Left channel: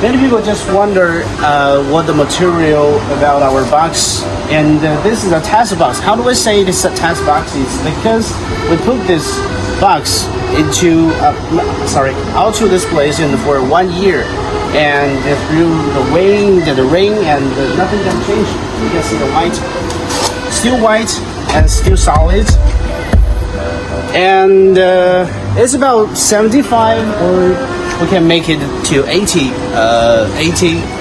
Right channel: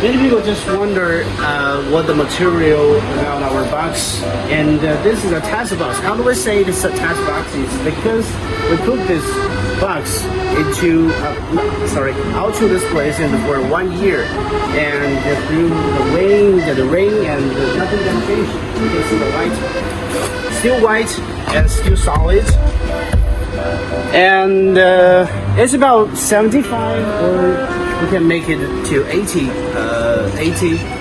Many people just wonder what the material about our box, and this is a test box. How do we say this is a test box? It's because we put this box into out to this place and for 1 year, and through the wind and the rain, and nothing can change. You can see the white, still white and still solid, and it's about 75 or we can make it to 80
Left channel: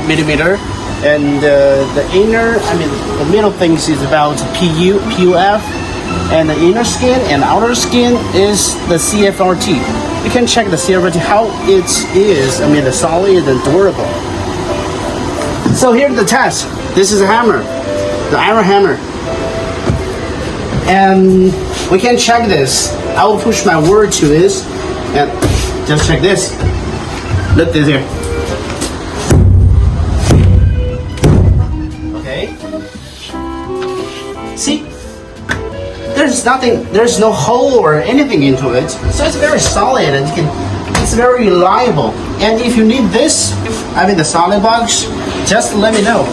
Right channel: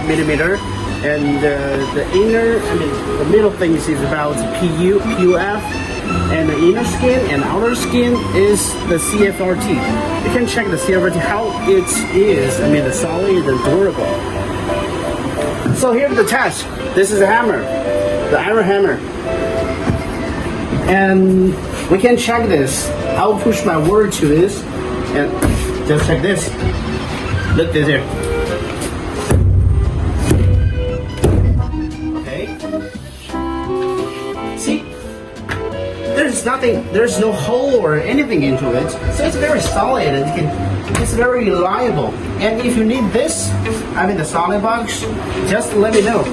millimeter, and the inner, the middle things is about PUF, and the inner skin and outer skin is the CFRT. You can check the CFRT how it is, the solid and durable. So here's the test. This is a hammer, the iron hammer, and we can check this. I will push my word to this, and just check this. Look this here. Okay. See? There's nothing, there's no hole or anything into it. So it's very solid and it's very reliable. And if you need this, the solid box, just let me know.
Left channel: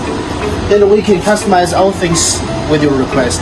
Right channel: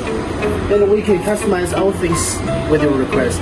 And we can customize all things with your request.